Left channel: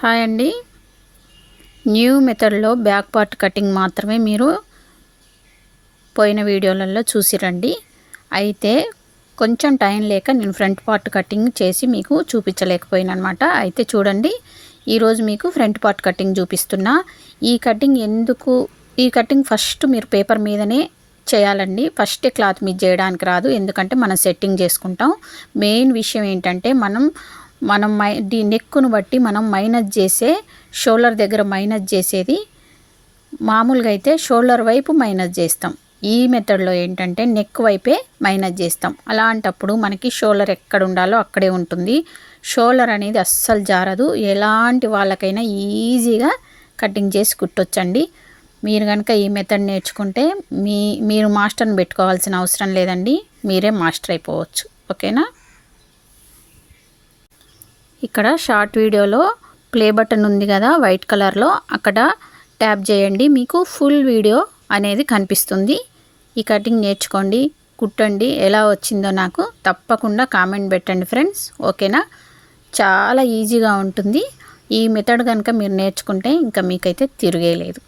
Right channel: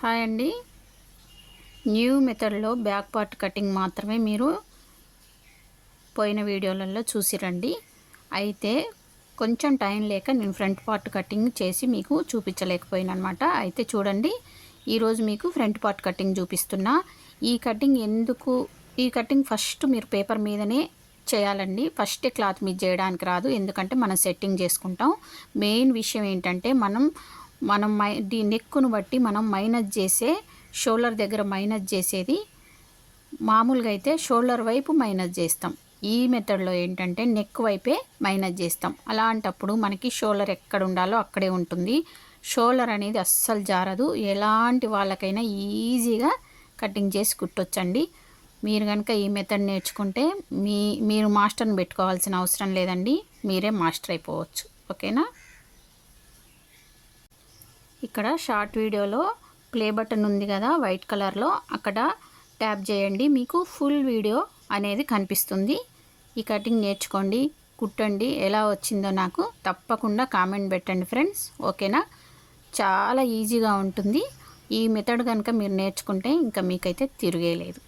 Hi అండి. New మెథడ్లో back part cutting మాత్రమే మీరు పోయిన వీడియోలలో చూసిరండి. అయితే కొంచెం టైం లేక నేను ఫ్రంట్ పార్ట్ కటింగ్ చేసి మీకు చూపించలేకపోయినా అనమాట. అయితే చూడండి, ఈరోజు మీకు ఫ్రంట్ పార్ట్ కటింగ్ చూపిస్తున్నా. ఈ కటింగ్ ఫస్ట్ మీరు పేపర్ మీదనే చేయాలండి. ఫస్టే క్లాత్ మీద చేయడానికి రాదు, ఎందుకంటే మనం సెట్టింగ్ చేసుకుంటాం. మెయిన్ విషయం ఏంటంటే మనం నెక్కును బట్టి మనం మైనస్ చేసే షోల్డర్ దగ్గర మైనస్ చేసేది మామూలుగా అయితే షోల్డర్ వైపు మైనస్ చేస్తాం. ఈ మెథడ్లో ఏంటంటే నెక్ వైపే మైనస్ చేస్తాం. అలాంటప్పుడు మనకి షోల్డర్ ఎక్కడ ఉండాలో అక్కడే ఉంటుంది. షోల్డర్ అనేది అస్సలు జారదు. ఎలాంటి వాళ్ళకైనా ఈజీగా కటింగ్ చేసి కుట్టొచ్చండి. మీరు కనుక ఈ మెథడ్ నేర్చుకుంటే మీరు మాస్టర్ని పెట్టుకోవాల్సిన అవసరం లేదండి, మీరే మాస్టర్ అయిపోవచ్చు. ఓకేనా? ఇక్కడ షార్ట్ వీడియోలో ప్లే బటన్ ఉంది కదా వైట్ కలర్లో, అక్కడ ట్యాప్ చేయండి, మీకు ఫుల్ వీడియో అనేది కనిపిస్తుంది. ఈ కటింగ్ నేర్చుకోండి, కుట్టండి. ఎలా వచ్చిందో నాకు తప్పకుండా కామెంట్ పెట్టండి ఫ్రెండ్స్. ఓకేనా? చాలా ఈజీగా ఉంటుంది. ఈ మెథడ్ కనుక మీరు నేర్చుకుంటే ఇంకా మీకైతే తిరిగేలేదు.